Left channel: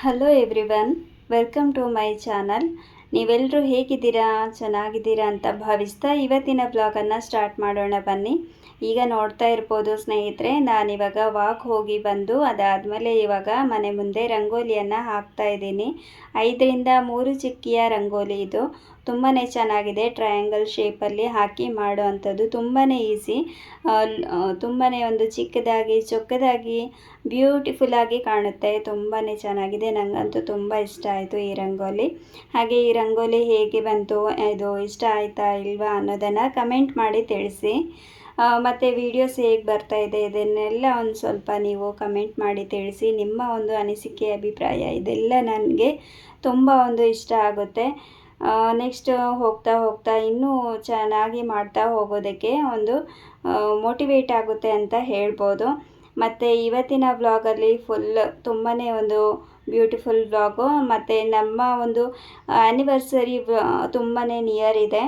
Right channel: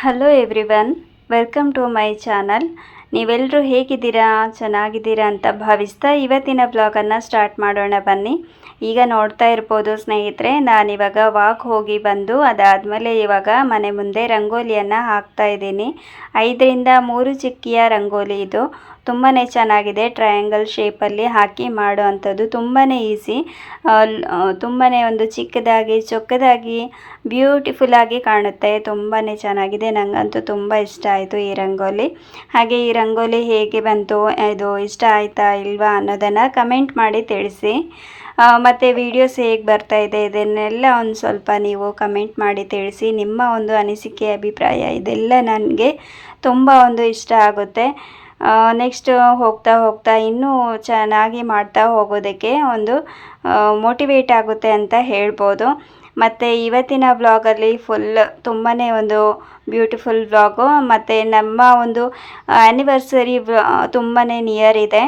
Hello everyone, welcome to my channel. ನೀವೆಲ್ಲರೂ ಹೇಗಿದ್ದೀರಾ, ಚೆನ್ನಾಗಿದ್ದೀರಾ ಅಂತ ಭಾವಿಸ್ತಾ ಇವತ್ತಿನ ಬ್ಲಾಗನ್ನು ಸ್ಟಾರ್ಟ್ ಮಾಡೋಣ ಬನ್ನಿ. ಈಗ ನೋಡ್ತಾ ಇರ್ಬೋದು ಸ್ನೇಹಿತರೆ, ನಾನಿವಾಗ ವಾಕ್ ಹೋಗಿ ಬಂದು ಅದಾದಮೇಲೆ ಇವಾಗ ಮನೆ ಮುಂದೆ ರಂಗೋಲಿಯನ್ನು ಹಾಕ್ತಾ ಇದ್ದೀನಿ. 5ರಿಂದ 3 ಚಿಕ್ಕಿಯ ರಂಗೋಲಿ ಇದು. ತುಂಬಾ ಚೆನ್ನಾಗಿದೆ. ಟ್ರಯಾಂಗಲ್ ಶೇಪಲ್ಲಿ ಹಾಕಿ ಮಾಡೋ ಅಂಥದ್ದು ತುಂಬಾ ಈಸಿ. ತುಂಬಾ ಒಂದು ಚಿಕ್ಕದಾಗಿ ಚೊಕ್ಕದಾಗಿ ಬ್ಯೂಟಿಫುಲ್ಲಾಗಿ ಕಾಣುತ್ತೆ. ತುಂಬಾ ಚೆನ್ನಾಗಿದೆ. ನನಗಂತೂ ತುಂಬ ಇಷ್ಟ ಆಯಿತು ಈ ರಂಗೋಲಿ. ಹಾಗೆ ಈ ರಂಗೋಲಿ ಹೇಗೆ ಬಂತು, ಇದು ಇಷ್ಟ ಆಯಿತಾ ಇಲ್ವಾ ಅನ್ನೋದನ್ನು ಕಮೆಂಟ್ ಮಾಡಿ ತಿಳಿಸಿ. ಮತ್ತು ವೀಡಿಯೋಸ್ ಹೇಗೆ ಬರ್ತಾ ಇದೆ ಇದನ್ನೆಲ್ಲ ಒಂದು ಸ್ವಲ್ಪ ನೀವು ಕಮೆಂಟ್ ಮಾಡಿ ತಿಳಿಸಿ. ನಿಮ್ಮ ಒಂದು ಅನಿಸಿಕೆ, ಅಭಿಪ್ರಾಯ ಇದೆಲ್ಲ ನನಗೆ ತುಂಬ ಒಂದು ಇಷ್ಟ ಆಗುತ್ತೆ. ನೆಕ್ಸ್ಟ್ ಹೋಗ್ತಾ ಹೋಗ್ತಾ ಇನ್ನೂ ಚೆನ್ನಾಗಿ ಮಾಡ್ತಾ ಹೋಗೋದಕ್ಕೆ ಒಂದು ಮೋಟಿವೇಟ್ ಆಗುತ್ತೆ ಅಂತ ಹೇಳ್ಬೋದು. ಮತ್ತು ಇವತ್ತಿನ ವ್ಲಾಗಲ್ಲಿ ಫುಲ್ ತುಂಬಾ ಒಂದು ಬ್ಯೂಟಿಫುಲ್ ವ್ಲಾಗು. ಮತ್ತು ನಮ್ಮ ಒಂದು ಆ್ಯನಿವರ್ಸರಿ ತುಂಬಾ ನಿಯರ್ ಇದೆ,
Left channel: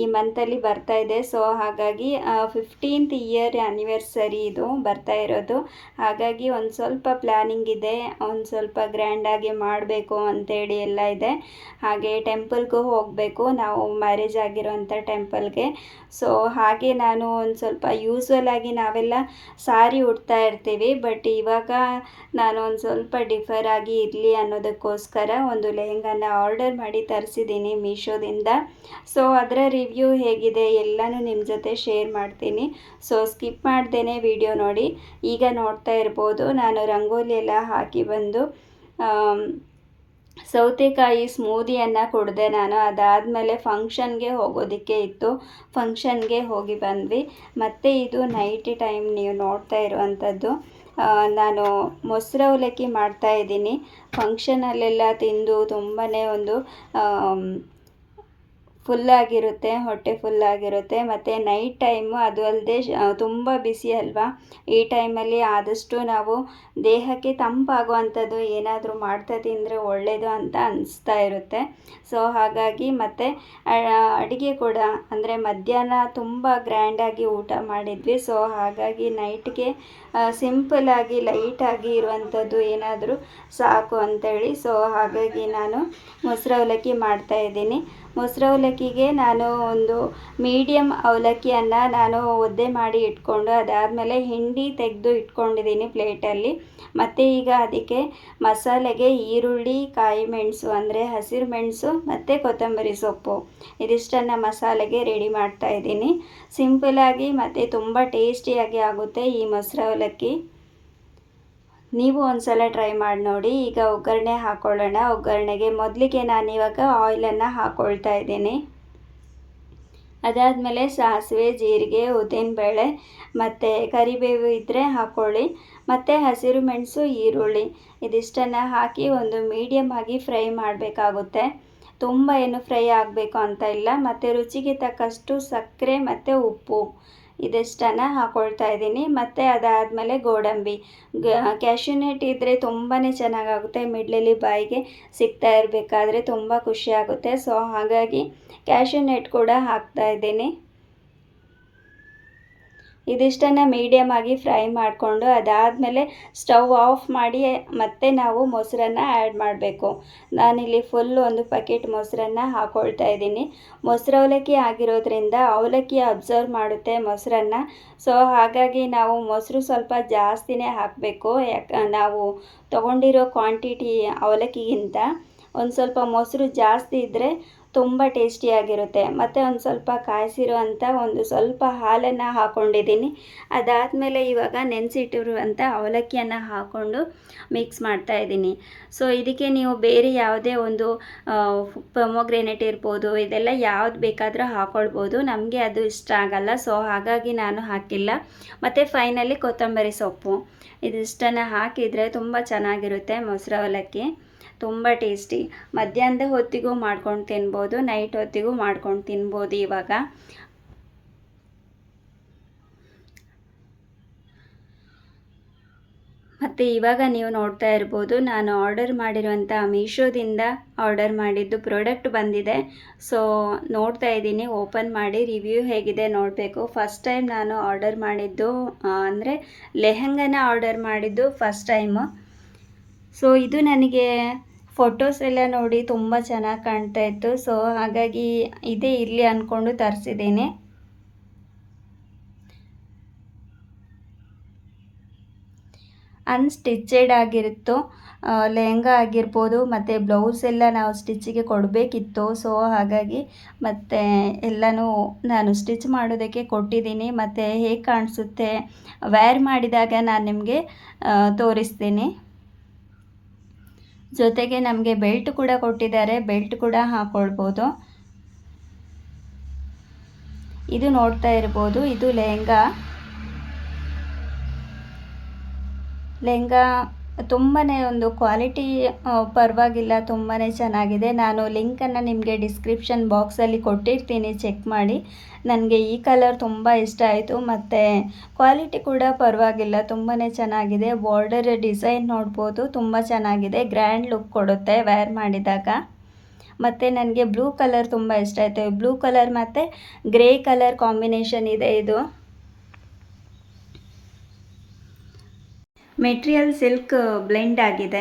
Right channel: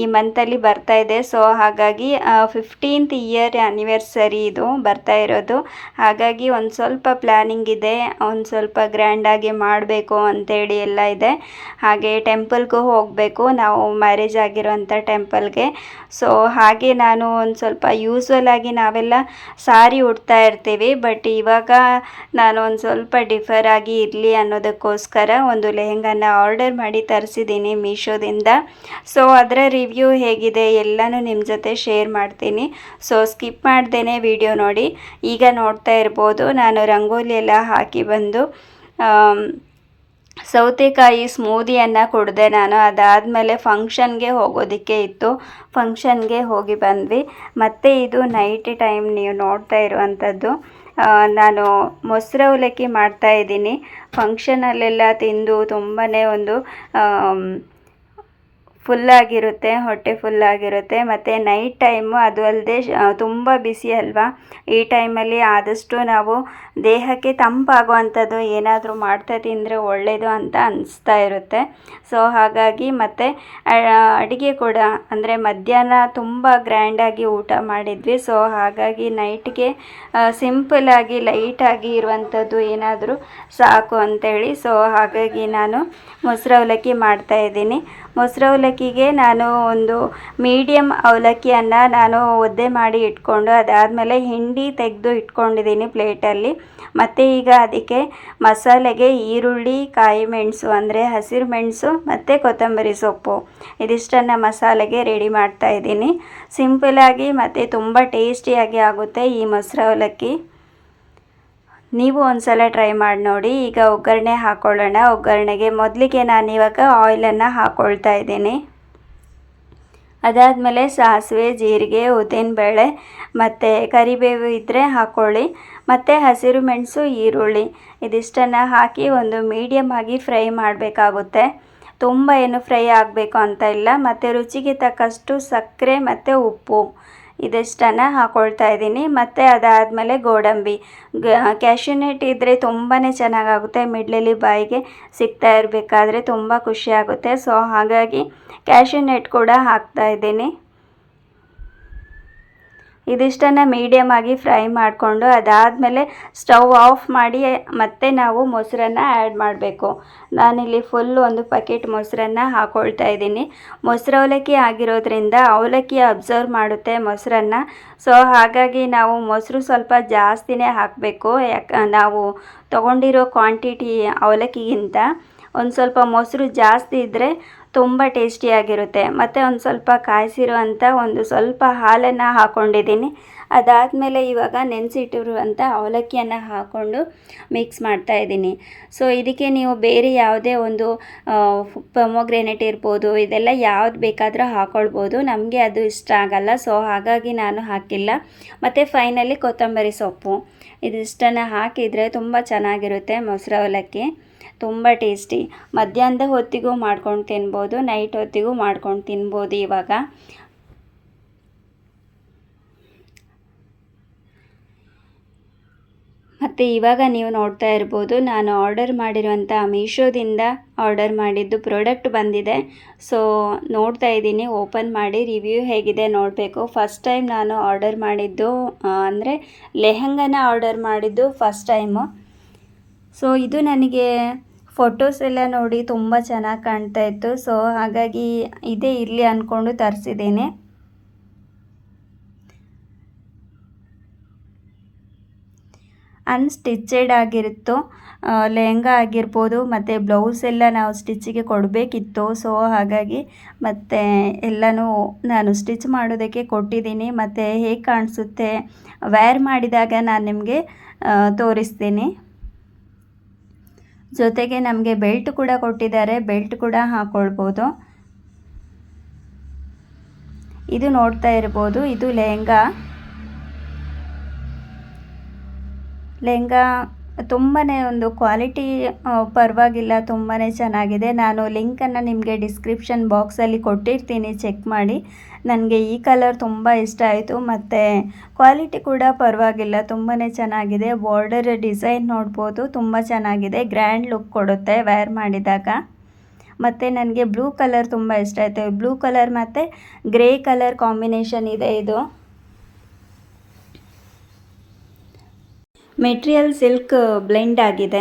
ಈ ಮಂತಲ್ಲಿ ಬರ್ತಾ ಇದೆ. ಸೊ ಹಾಗಾಗಿ 15th ಇಯರ್ ಆ್ಯನಿವರ್ಸರಿ ಇದು ಬರ್ತಾ ಇರೋದು. ಹಾಗಾಗಿ ಒಂದು ಸ್ವಲ್ಪ ಪ್ಲ್ಯಾನಿಂಗ್ ಇದೆ, ಒಂದು ಸ್ವಲ್ಪ ಗ್ರ್ಯಾಂಡಾಗಿ ಮಾಡಬೇಕು ಅಂತೇಳಿ ಎಲ್ಲ ಇದೆ. ಹಾಗೆ ಟೆಂಪಲ್ಗೂ ಹೋಗಬೇಕು, ನಾವು ಮ್ಯಾರೇಜ್ ಆಗಿರೋಂಥ ಟೆಂಪಲ್ಗೆ. ಸೊ ಹಾಗೆ ನಾನು ಒಂದು ಸ್ವಲ್ಪ ಯೂಸ್ವಲ್ ಆಗಿ ನಾವೆಲ್ಲ ಸಾರಿ ಉಡ್ತಾ ಇರ್ತೀವಿ, ಬಟ್ ಇವಾಗ ನಾನು ಒಂದು ಸ್ವಲ್ಪ ಡಿಫರ್ ಆಗಿ ಇರಲಿ ಅನ್ನೋದಕ್ಕೋಸ್ಕರ ಒಂದು ಲೆಹೆಂಗಾನ ಆರ್ಡರ್ ಮಾಡಿ ತರಿಸಿದ್ದೀನಿ ಮೀಶೋದಿಂದ. ಸೊ ಅದರ ರಿವ್ಯೂ ಹೇಗಿದೆ ಎಲ್ಲನೂ ನಿಮ್ಮ ಜೊತೆ ಶೇರ್ ಮಾಡ್ತೀನಿ. ಸೊ ಸ್ಕಿಪ್ ಮಾಡ್ದೇನೆ ವಿಡಿಯೋ ನೋಡಿ. ಈಗ ನೋಡ್ತಾ ಇರ್ಬೋದು, ನಾನು ರಂಗೋಲಿ ಎಲ್ಲ ಹಾಕಿ ಬಂದು ಸೌತೆಕಾಯಿ ಸ್ಮೂದಿಯನ್ನು ಕುಡಿದೆ ನಾನು. ಅದಾದಮೇಲೆ ಫಂಕ್ಷನ್ಗೆ ಹೋಗೋದಕ್ಕೆ ಇತ್ತು, ಫಂಕ್ಷನ್ಗೆ ಹೋಗಿ ಬಂದ್ವಿ. ಮತ್ತು ಇದು ನೈಟ್ ಟೈಮ್ ನೀವು ನೋಡ್ತಾ ಇರುವಂಥದ್ದು. ನಾನು ಮೊಸರು ಅವಲಕ್ಕಿ ಮಾಡ್ತಾಯಿದ್ದೀನಿ. ಫಂಕ್ಷನಲ್ಲೆಲ್ಲ ತಿಂದು ತುಂಬಾ ಒಂದು ಫುಲ್ಲಾಗಿರುತ್ತೆ, ಹೊಟ್ಟೆ ಫುಲ್ಲಾಗಿರುತ್ತೆ. ಮತ್ತು ನೈಟ್ ಟೈಮು ಅದು ಅಲ್ಲದೆ ತುಂಬ ಬಿಸಿ ಅಲ್ವಾ, ಈ ಟೈಮಲ್ಲಿ ಆದಷ್ಟು ನಾವು ದೇಹಕ್ಕೆ ತಂಪಾಗುವಂಥದ್ದು ಏನಾದರೂ ಮಾಡ್ತಾ ತಿಂದರೆ ಒಳ್ಳೆಯದು ಅಂತ ಅನಿಸ್ತಾ ಇರುತ್ತೆ. ಸೊ ಹಾಗಾಗಿ ಮತ್ತು ಅಡುಗೆ ಕೂಡ ಅಂದರೆ ಮಧ್ಯಾಹ್ನ ತುಂಬ ಗ್ರ್ಯಾಂಡಾಗಿ ಊಟ ಮಾಡಿದ್ವಿ. ಸೊ ಹಾಗಾಗಿ ನೈಟ್ಗೆ ಸಿಂಪಲ್ಲಾಗಿ ಲೈಟಾಗಿ ಇರುವಂಥದ್ದು ಏನಾದರೂ ಸಾಕು ಅಂಥೇಳಿ. ಸೊ ಹಾಗಾಗಿ ನಾನು ಮೊಸರು ಅವಲಕ್ಕಿ ಮಾಡ್ತಾಯಿದ್ದೀನಿ. ಮೊಸರು ಅವಲಕ್ಕಿಗೆ ನಾನು ಒಂದು ಮೀಡಿಯಮ್ ಅವಲಕ್ಕಿಯನ್ನು ನಾನು ಒದ್ದೆ ಮಾಡಿ ಇಟ್ಕೊಂಡು ಅದಾದಮೇಲೆ ಹಿಂಡಿ ತೆಗೆದು ಇಟ್ಕೊಂಡಿದ್ದೀನಿ ಪ್ಲೇಟಲ್ಲಿ. ಮತ್ತು ಈಗ ಅದಕ್ಕೆ ಮಸಾಲೆಗೆ ಈರುಳ್ಳಿ, ಕಾಯಿ ಮೆಣಸು ಅಂದರೆ ಹಸಿರು ಮೆಣಸು ಮತ್ತು ಕೊತ್ತಂಬರಿ ಸೊಪ್ಪು ಇದಿಷ್ಟನ್ನು ಮಸಾಲೆಗೆ ರೆಡಿ ಮಾಡ್ತಾಯಿದ್ದೀನಿ. ಸಿಂಪಲಾಗಿ ಮತ್ತು ತುಂಬ ಟೇಸ್ಟಿಯಾಗಿ ಆಗುತ್ತೆ ಈ ಮೊಸರು ಅವಲಕ್ಕಿ. ನೀವು ಒಂದ್ಸಲ ಟ್ರೈ ಮಾಡಿ ನೋಡಿ. ಈಗ ಒಗ್ಗರಣೆ ಹಾಕ್ಕೊಳ್ಳೋಣ. ಒಗ್ಗರಣೆಗೆ ಮೊದಲಿಗೆ ನಾನಿವಾಗ ಆಯಿಲನ್ನು ಹಾಕ್ಕೊಳ್ತಾ ಇದ್ದೀನಿ. ಅದಾದಮೇಲೆ ಸಾಸಿವೆ, ಜೀರಿಗೆ, ಉದ್ದಿನಬೇಳೆ ಮತ್ತು ಕರಿಬೇವು ಇದ್ದರೆ ಹಾಕ್ಕೊಳ್ಳಿ. ಮತ್ತು ಹಸಿರು ಮೆಣಸು, ಈರುಳ್ಳಿ ಇದಿಷ್ಟನ್ನು ಹಾಕಿ ಒಂದು ಮೀಡಿಯಮ್ ಆಗಿ ಫ್ರೈ ಮಾಡಬೇಕಾಗುತ್ತೆ. ತುಂಬ ಏನು ಫ್ರೈ ಆಗಬೇಕು ಅಂತ ಇಲ್ಲ. ಮತ್ತು ರುಚಿಗೆ ತಕ್ಕಷ್ಟು ಸಕ್ಕರೆ ಮತ್ತು ಉಪ್ಪು ಇದಿಷ್ಟನ್ನು ಹಾಕ್ಕೊಳ್ತಾ ಇದ್ದೀನಿ. ಮತ್ತು ಅದಾದಮೇಲೆ ಗೋಡಂಬಿ, ಕ್ಯಾಶ್ಯೂನಟ್ ಇದ್ದರೆ ತುಂಬಾ ಚೆನ್ನಾಗಾಗುತ್ತೆ. ಮಿಡ್ಲಲ್ಲಿ ಬಾಯಿಗೆ ಸಿಗ್ತಾ ಇರಬೇಕಾದ್ರೆ ತುಂಬ ಖುಷಿಯಾಗುತ್ತೆ. ಸೊ ಹಾಗಾಗಿ ಕ್ಯಾಶ್ಯೂನಟ್ ಕೂಡ ಹಾಕ್ತಾ ಇದ್ದೀನಿ. ಇದಿಷ್ಟನ್ನು ಮೀಡಿಯಮ್ ಆಗಿ ಫ್ರೈ ಮಾಡಿಕೊಂಡು ಅದಾದಮೇಲೆ ಸ್ಟವ್ ಆಫ್ ಮಾಡಿ ಮತ್ತೆ ನಾವು ಮೊಸರನ್ನು ಆ್ಯಡ್ ಮಾಡಬೇಕು. ನಾನಿಲ್ಲಿ ಫುಲ್ ಒಂದು ಪ್ಯಾಕೆಟ್ ಮೊಸರನ್ನು ಹಾಕ್ಕೊಳ್ತಾ ಇದ್ದೀನಿ. ಮೊಸರು ಅವಲಕ್ಕಿ ಆಗಿರೋದ್ರಿಂದ ಅವಲಕ್ಕಿ ಅಬ್ಸರ್ವ್ ಮಾಡುತ್ತೆ ಮೊಸರನ್ನು. ಸೊ ಹಾಗಾಗಿ ನಾವು ಮೊಸರು ಸ್ವಲ್ಪ ಜಾಸ್ತಿನೇ ಹಾಕಬೇಕು. ನಾವು ತೊಗೊಂಡಿರೋ ಕ್ವಾಂಟಿಟಿ ಅವಲಕ್ಕಿಗಿಂತ ಒಂದು ಸ್ವಲ್ಪ ಮೊಸರು ಜಾಸ್ತಿ ಇದ್ದರೆ ತುಂಬ ಟೇಸ್ಟಿಯಾಗಿರುತ್ತೆ. ಮತ್ತು ಒಂದು ಸ್ವಲ್ಪ ಕಾಯಿಸಿರುವಂಥ ಒಂದು ಸ್ವಲ್ಪ ಹಾಲನ್ನು ಹಾಕ್ಕೊಂಡಿದ್ದೀನಿ. ಅದಾದಮೇಲೆ ಇವಾಗ ನೆನೆಸಿಟ್ಟಿರುವಂಥ ಅವಲಕ್ಕಿಯನ್ನು ಹಾಕ್ಕೊಂಡು ಮಿಕ್ಸ್ ಮಾಡ್ತಾಯಿದ್ದೀನಿ. ಸೊ ಇದಕ್ಕೆ ನೀವು ಬೇರೆ ಯಾವುದೇ ಒಂದು ಪೊಮೊಗ್ರೆನೇಟ್ ಇರ್ಬೋದು, ಇದೆಲ್ಲ ಯಾವ್ದು ಬೇಕಾದರೂ ಹಾಕ್ಕೊಳ್ಬೋದು. ನಮಗೆ ಅದು ಇಷ್ಟ ಆಗಲ್ಲ, ಸೊ ಹಾಗಾಗಿ ನಾನು ಹಾಕಿಲ್ಲ. ಮತ್ತು ಫೈನಲಿ ಕೊತ್ತಂಬರಿ ಸೊಪ್ಪು ಇದಿಷ್ಟನ್ನು ಹಾಕಿದರೆ ತುಂಬ ಚೆನ್ನಾಗಿರುತ್ತೆ ಮೊಸರು ಅವಲಕ್ಕಿ. ತುಂಬ ಟೇಸ್ಟಿ. ಮಧ್ಯಾಹ್ನದ ಹೊತ್ತಿಗೂ ಮಾಡ್ಕೊಂಡು ತಿನ್ಬೋದು, ನೈಟ್ ಹೊತ್ತಿಗೂ ಮಾಡ್ಕೊಂಡು ತಿನ್ಬೋದು ಇವಾಗ. ಮತ್ತು ಇವಾಗ ನೀವು ನೋಡ್ತಾ ಇರ್ಬೋದು, ನಾನು ಆರ್ಡರ್ ಮಾಡಿರುವಂಥ ಮೀಶೋದಿಂದ ಆರ್ಡರ್ ಮಾಡಿದ್ದು ಪ್ರಾಡಕ್ಟ್ ಬಂದಿದೆ. ಸೊ ನೋಡ್ತಾ ಇದ್ದೀನಿ, ಓಪನ್ ಮಾಡಿ ರಿವ್ಯೂ ಹೇಗಿದೆ ನೋಡಬೇಕು. ಫಸ್ಟ್ ಟೈಮ್ ನಾನು ಆರ್ಡರ್ ಮಾಡಿದ್ದು ಅಂದರೆ ಲೆಹಂಗಾನ ಆರ್ಡರ್ ಮಾಡಿದ್ದು ಫಸ್ಟ್ ಟೈಮು. ಸೊ ಇದು ನನಗೆ ಫೋಟೋಸ್ ಎಲ್ಲ ನೋಡಿ ತುಂಬ ಚೆನ್ನಾಗಿ ಕಾಣ್ತಾ ಇತ್ತು. ಸೊ ಹಾಗಾಗಿ ಇದೇ ಇರಲಿ ಅಂದ್ಕೊಂಡು ತರಿಸಿದ್ದೀನಿ. ಅನ್ಸ್ಟಿಚೆಡ್ ಆಗಿರುತ್ತೋ ಲೆಹಂಗಾ ಆಗಿರ್ಬೋದು, ಮತ್ತು ಬ್ಲೌಸ್ ಎಲ್ಲ ನಾವು ಸ್ಟಿಚ್ಚಿಗೆ ಕೊಡಬೇಕಿತ್ತು. ಸೊ ಹಾಗಾಗಿ ಮತ್ತು ಎಲ್ಲನೂ ನಾನು ಸ್ಟಿಚ್ ಮಾಡೋದಕ್ಕೆ ಕೊಟ್ಟಿದ್ದೀನಿ. ಮತ್ತು ಹೇಗೆ ಕಾಣಿಸುತ್ತೆ ವೇರ್ ಮಾಡಿದಾಗ ನಾನು ನಿಮಗೆ ತೋರಿಸ್ತೀನಿ. ಜೊತೆಗೆ ನಮಗೆ ಬೆಲ್ಟ್ ಕೂಡ ಕೊಟ್ಟಿದ್ದಾರೆ, ಬೆಲ್ಟ್ ಕೂಡ ಹಾಕ್ಕೊಳ್ಬೋದು. ಇದು ನೋಡ್ತಾ ಇರ್ಬೋದು, ಇದು ಲೆಹಂಗಾ ತುಂಬಾ ಒಂದು ಕ್ವಾಲಿಟಿ ಪರವಾಗಿಲ್ಲ, ತುಂಬಾ ಚೆನ್ನಾಗಿದೆ. ನಾನು ಲಿಂಕನ್ನು ನಿಮಗೆ ಡಿಸ್ಕ್ರಿಪ್ಷನ್ ಬಾಕ್ಸಲ್ಲಿ ಕೊಟ್ಟಿರ್ತೀನಿ, ಚೆಕ್ ಮಾಡಿ. ನನಗೆ ಈ ಕಲರ್ ತುಂಬ ಇಷ್ಟ ಆಯಿತು, ಮತ್ತು ಕ್ವಾಲಿಟಿ ಕೂಡ ಪರವಾಗಿಲ್ಲ, ತುಂಬಾ ಚೆನ್ನಾಗಿದೆ. ಬಾರ್ಡರ್ ಡಿಸೈನ್ ನೋಡ್ಬೋದು, ತುಂಬ ಚೆನ್ನಾಗಿದೆ, ಗ್ರ್ಯಾಂಡ್ ಲುಕ್ ಕೊಡುತ್ತೆ ವೇರ್ ಮಾಡಿದಾಗ. ಮತ್ತು ನನಗೆ ಬ್ಲೂ ಕಲರ್ ತುಂಬ ಇಷ್ಟ ಆಯಿತು. ಬ್ಲೂ ಕಲರ್ ಮತ್ತು ಗ್ರೇ ಕಲರ್ ಕಾಂಬಿನೇಷನ್ ಇದೆ. ಇದು ಮೆಟೀರಿಯಲ್ ಸಿಲ್ಕ್ ಬ್ಲೆಂಡ್ ಆಗಿದೆ,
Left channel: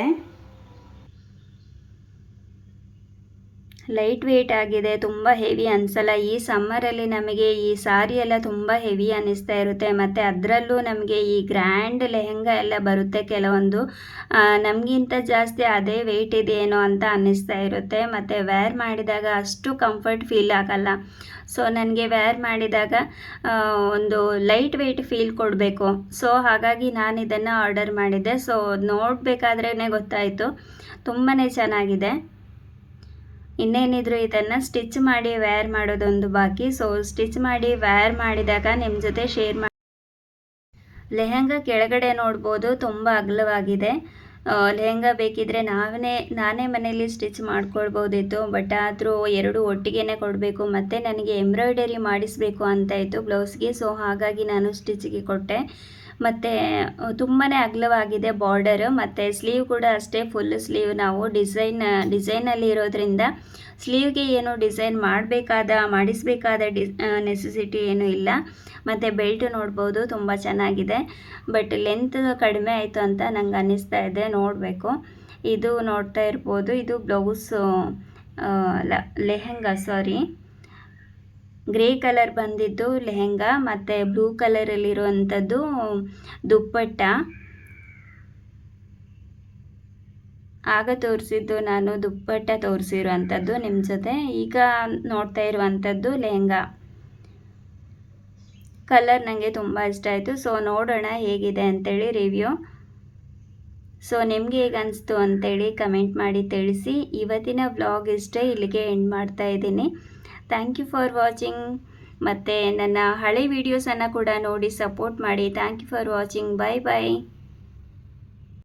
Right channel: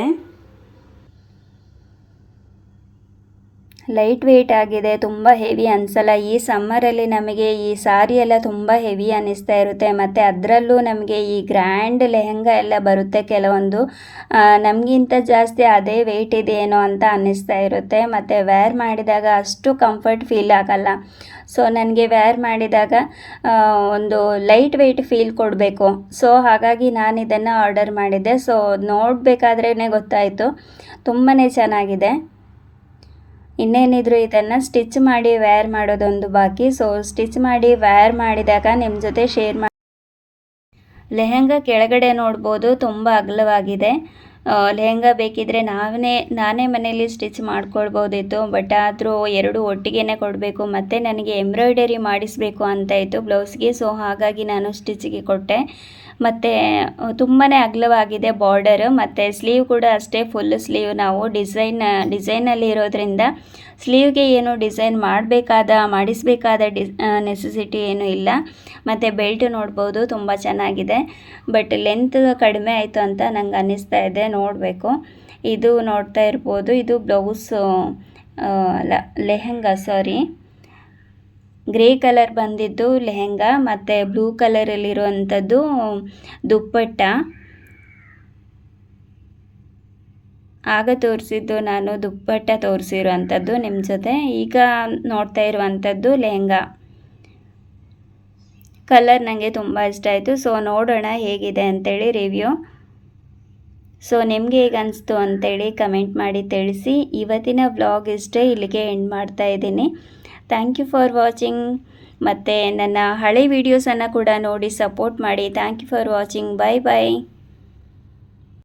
ಲೈಟ್ ವೆಯ್ಟ್ ಆಗಿದೆ, ತುಂಬ ಹೆವಿ ಅನಿಸಲ್ಲ. ಈ ಸಮ್ಮರಲ್ಲಿ ನಮಗೆ ಈ ಸಾರಿ ಎಲ್ಲ ತುಂಬ ಹೆವಿ ಅನ್ನಿಸ್ತಾ ಇರುತ್ತೆ. ಮತ್ತು ಅದರಲ್ಲೂ ನಮಗೆ ಈ ಗ್ರ್ಯಾಂಡ್ ಲೆಹಂಗಾ ಎಲ್ಲ ಬರುತ್ತೆ ಕೆಲವೊಂದು, ನಮಗಿಂತ ಜಾಸ್ತಿ ಅದೇ ವೆಯ್ಟ್ ಇದೆಯೇನೋ ಅಂತ ಅನ್ನಿಸ್ತಾ ಇರುತ್ತೆ. ಮತ್ತು ವೇರ್ ಮಾಡಿದಾಗ ಅಷ್ಟು ಕಂಫರ್ಟ್ ಫೀಲ್ ಆಗಲ್ಲ. ಸೊ ನನಗೆ ವೇರ್ ಮಾಡಿದಾಗ ಒಂದು ಲೈಟ್ ವೆಯ್ಟ್ ಫೀಲ್ ಕೊಡಬೇಕು. ಸೊ ಹಾಗಾಗಿ ನಾನು ಇದನ್ನು ಆರ್ಡರ್ ಮಾಡಿದ್ದೆ. ಸೊ ನೋಡಬೇಕಾದ್ರೇ ಗೊತ್ತಾಯಿತು, ತುಂಬಾ ಚೆನ್ನಾಗಿದೆ. ಇನ್ನೇನಿದ್ರು ಇದನ್ನು ಸ್ಟಿಚ್ ಮಾಡಿ ವೇರ್ ಮಾಡೋದೊಂದು ಬಾಕಿ. ಸೊ ಸ್ಟಿಚ್ ಮಾಡಿ ವೇರ್ ಮಾಡಿದಾಗ ನಿಮ್ಮ ಜೊತೆ ಶೇರ್ ಮಾಡಿ. ಲೆಹಂಗಾ ಕೆಳಗಡೆ ನೋಡ್ಬೋದು, ತುಂಬ ಅಗಲವಾಗಿದೆ. ಲೆಹಂಗಾ ಬೇಕಿದ್ದರೆ ನಾನೇ ಮನೆಯಲ್ಲಿ ಸ್ಟಿಚ್ ಮಾಡ್ಕೊಳ್ಬೋದಿತ್ತು. ಬಟ್ ಆದರೂ ಎರಡು ಒಟ್ಟಿಗೆ ಕೊಡಬೇಕು, ಮತ್ತು ನನಗೆ ಎಂಬ್ರಾಯ್ಡರಿ ಮಾಡಿಸಬೇಕು ಅಂತ ಇತ್ತು ಬ್ಲೌಸ್ಗೆ. ಸೊ ಹಾಗಾಗಿ ನಾನು ಸ್ಟಿಚ್ಗೆ ಕೊಟ್ಟೆ. ಮತ್ತು ತುಂಬಾ ಅಗಲವಾಗಿದೆ ಬಾರ್ಡರು, ಮತ್ತು ಸ್ಲೀವ್ ಕೂಡ ಅಷ್ಟೇ ಫುಲ್ ಸ್ಲೀವ್. ನಾವು ಡಿಸೈನಲ್ಲಿ ಇರೋದ್ರಿಂದ ಸ್ಲೀವ್ಗೆ ಏನು ಡಿಸೈನ್ ಮಾಡಿಸಬೇಕಾದ ನೆಸೆಸಿಟಿ ಏನೂ ಇಲ್ಲ. ಮತ್ತು ಬೆಲ್ಟ್ ನೋಡ್ಬೋದು, ತುಂಬ ಚೆನ್ನಾಗಿದೆ. ಬಟ್ ಲೆಂತ್ ಕಡಿಮೆ ಆಯಿತು ಅಂತ ನಂಗೆ ಅನ್ನಿಸ್ತಾ ಇದೆ, ನೋಡಬೇಕು. ಇದು ನೋಡ್ತಾ ಇರ್ಬೋದು, ಇದು ಬ್ಲೌಸು ಲೆಹಂಗಾ ಗ್ರೇ ಕಲರ್ ಬಂದಿದ್ದು ಲೆಹಂಗಾ, ಮತ್ತು ಬ್ಲೂ ಕಲರಲ್ಲಿರುವಂಥದ್ದು ದುಪ್ಪಟ್ಟ. ಆಗ ತೋರಿಸಿದ್ದು ನಾನು ದುಪ್ಪಟ್ಟ ತೋರಿಸಿರುವಂಥದ್ದು ನಿಮ್ಮ ಜೊತೆ. ಈಗ ನೋಡ್ತಾ ಇರುವಂಥದ್ದು ಲೆಹಂಗಾ. ಕಲರ್ ನನಗೆ ತುಂಬ ಇಷ್ಟ ಆಯಿತು. ಸೊ ನೋಡೋಣ ಹೇಗಿದೆ ಅಂತೇಳಿ ರಿವ್ಯೂ. ಸೊ ನಿಮಗೆ ಹೇಗೆ ಅನಿಸ್ತು ಅಂತೇಳಿ ಕಮೆಂಟ್ ಮಾಡಿ ತಿಳಿಸಿ. ಇವತ್ತಿನ ವ್ಲಾಗ್ ಇಷ್ಟೇ, ಇಲ್ಲಿಗೆ ಎಂಡ್ ಮಾಡ್ತಾ ಇದ್ದೀನಿ. Thank you for watching. ಮತ್ತು ನನ್ನ ಹಳೆ ವೀಡಿಯೋಸನ್ನು ಕೂಡ ನೋಡಿ ಸಪೋರ್ಟ್ ಮಾಡಿ. Thank you for watching. Bye bye.